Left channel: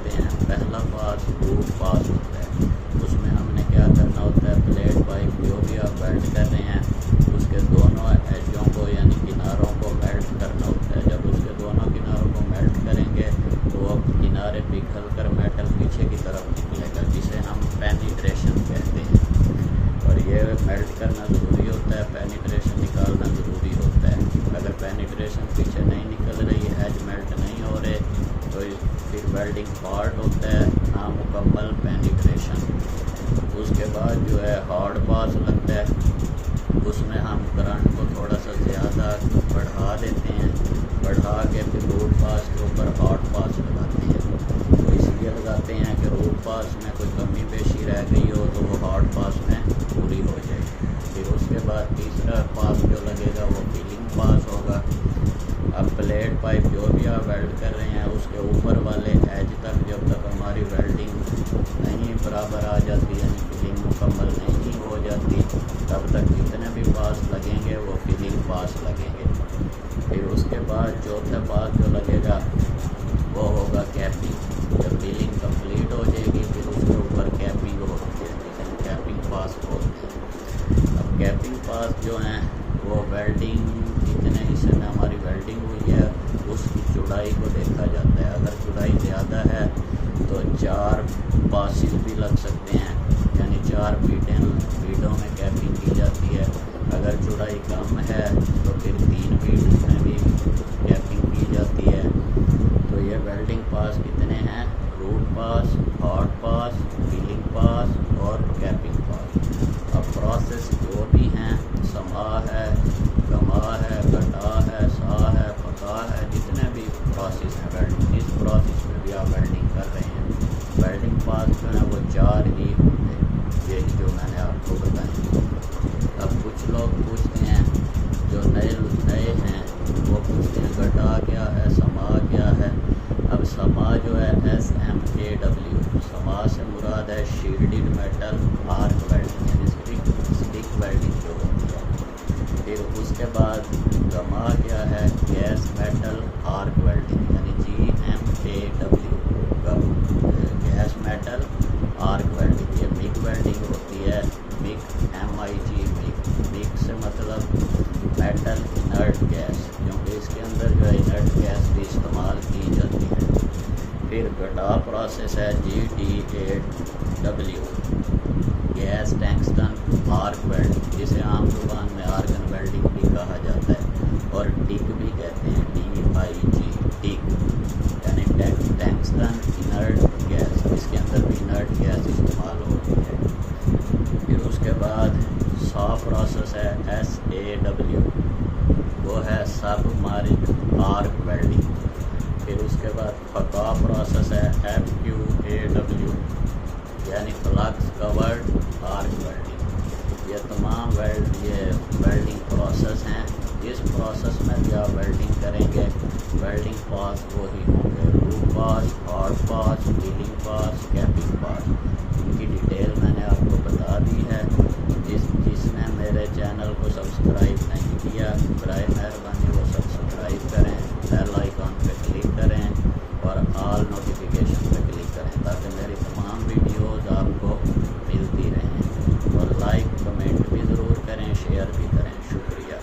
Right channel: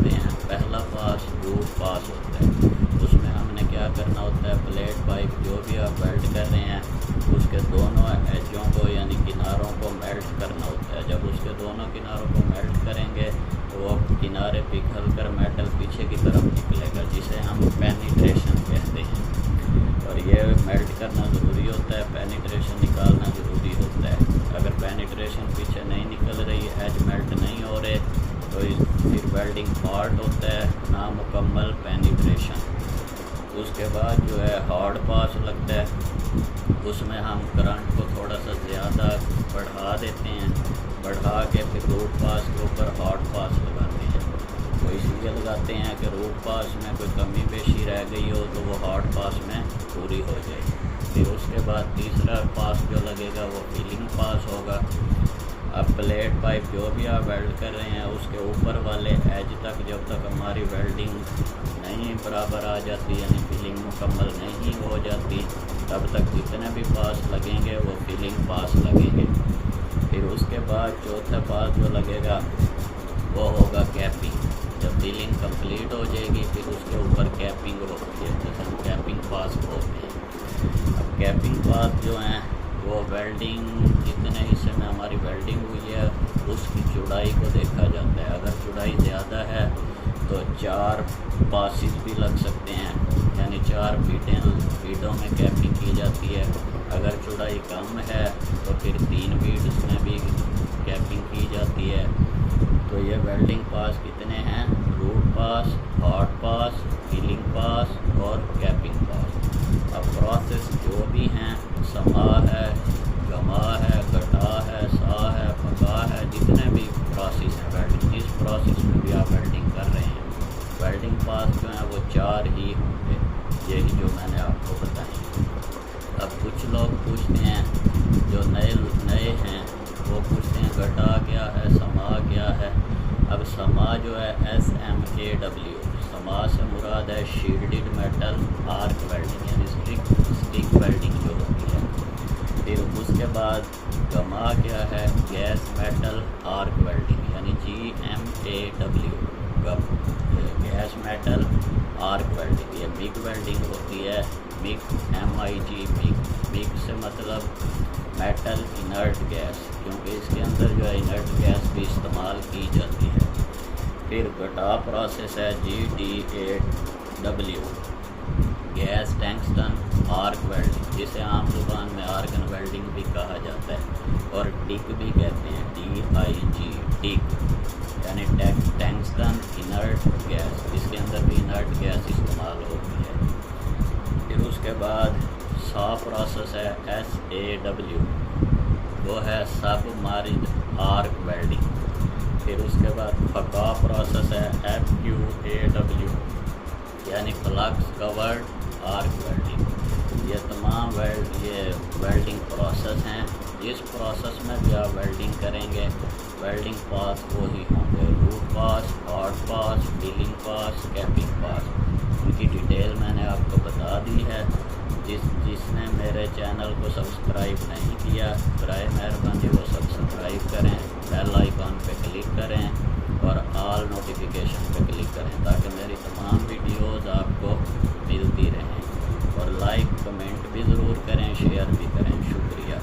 होते हैं। पहला पास रूट पास होता है, उसमें हमने क्या करना होता है, प्लेट पाइप जो भी आप वेल्ड कर रहे हैं उसके दोनों एजों को यानी किनारों को मेल्ट करना होता है। जब उसके दोनों किनारों को मेल्ट करेंगे तो वो किनारे पिघल कर मेटल पीछे की तरफ निकलेगा, जिसे हम पेनिट्रेशन कहते हैं। और ये मेल्ट करना ज़रूरी होता है, पेनिट्रेशन निकालना ज़रूरी होता है। अगर पेनिट्रेशन पीछे नहीं निकल रही, एज मेल्ट नहीं हो रहे, तो फिर वेल्डिंग पार्ट होता है नामुकम्मल पेनिट्रेशन। उसके बाद जो है हार्ड पास लगता है, उसमें हम करंट को थोड़ा सा ज़्यादा बढ़ा देते हैं, बढ़ा के फिर रूट पास के ऊपर हार्ड पास लगाते हैं। तो इसलिए लगाते हैं कि रूट पास में कोई कमी पेशी रह गई हो तो वो हार्ड पास में पूरी हो जाए। फिर उसके बाद तीसरा पास जो लगेगा वो फिलिंग पास होगा। अब प्लेट पाइप जो भी आप वेल्ड कर रहे हैं उसके ऊपर वाले एज तक जब तक हमारी वेल्डिंग नहीं बराबर आ जाती, यानी फिलिंग मुकम्मल नहीं हो जाती, तब तक जितने भी पास लगेंगे वो फिलिंग पास लगेंगे। फिर उसके बाद चौथा पास जो लगेगा वो होगा कैपिंग। जब फिलिंग कंप्लीट हो जाएगी फिर उसके ऊपर कैपिंग होती है, जिसे हम कैपिंग पास बोलते हैं। अब कैपिंग पास जो हैं वो वेल्डिंग जितने हिस्से में हमारी वेल्डिंग हुई है उसकी चौड़ाई को देखा जाता है। अगर चौड़ाई ज़्यादा है तो 4 पासिस भी लग सकते हैं, यानी 4 फीटों में कैपिंग की जाती है। अगर चौड़ाई कम है तो फिर 3 फीट में भी कैपिंग की जाती है। तो ये वेल्डिंग पास कितने हैं, रूट पास, हार्ड पास, फिलिंग पास और कैपिंग पास। अब प्रोसेस जो भी हैं, SMA है, GMAW है, GTAW है, SMAW है, FQAW है, जितने भी प्रोसेस हैं वेल्डिंग, इस प्रोसेस में भी आप वेल्डिंग कर रहे हैं, वेल्डिंग पास जो हैं वो 4 ही होंगे, यही जो मैंने आपको बताए। अब कुछ लोग पूछते हैं, जो नए हैं वो पूछते हैं GTAW क्या है, SMA क्या है। अब SMA जो है SMAW, SMA से मुराद है शील्डेड मेटल आर्क वेल्डिंग, यानी स्टिक वेल्डिंग जो होती है। फिर उसके बाद GMAW क्या है, गैस मेटल आर्क वेल्डिंग, यानी GMAW, gas metal arc welding. ये मिग वेल्डिंग होती है, मिग मिग से मतलब मेटल इनर्ट गैस, क्योंकि इसके अंदर जो है इनर्ट गैस भी इस्तेमाल की जाती है। फिर GTAW प्रोसेस है GTAW, gas tungsten arc welding, जिसे आम जुबान में आर्गन वेल्डिंग भी कहा जाता है और टिक भी कहते हैं, DIG, टिक, यानी टंगस्टन इनर्ट गैस, इसके अंदर भी इनर्ट गैस इस्तेमाल होती है। फिर उसके बाद SAW प्रोसेस है SAW, वो है सबमर्ज्ड आर्क वेल्डिंग। फिर उसके बाद FQAW प्रोसेस है FQAW, यानी फ्लक्स कवर्ड आर्क वेल्डिंग। ये तमाम वेल्डिंग प्रोसेस हैं। जिस प्रोसेस में भी आप वेल्डिंग करेंगे वेल्डिंग पास वो ही होंगे, रूट पास, हार्ड पास, फिलिंग पास, कैपिंग पास। इनकी डिटेल मैंने आपको बता दी है। जिसने मेरे चैनल को सब्सक्राइब नहीं किया बराए मेहरबानी वो सब्सक्राइब करें, बेल आइकॉन पे क्लिक करें और ऑल नोटिफिकेशन पे क्लिक करें, ताकि मेरी तमाम वीडियोज़ आपको मिलती रहें। और लाइक कमेंट भी ज़रूर करें, शेयर भी करें। शुक्रिया।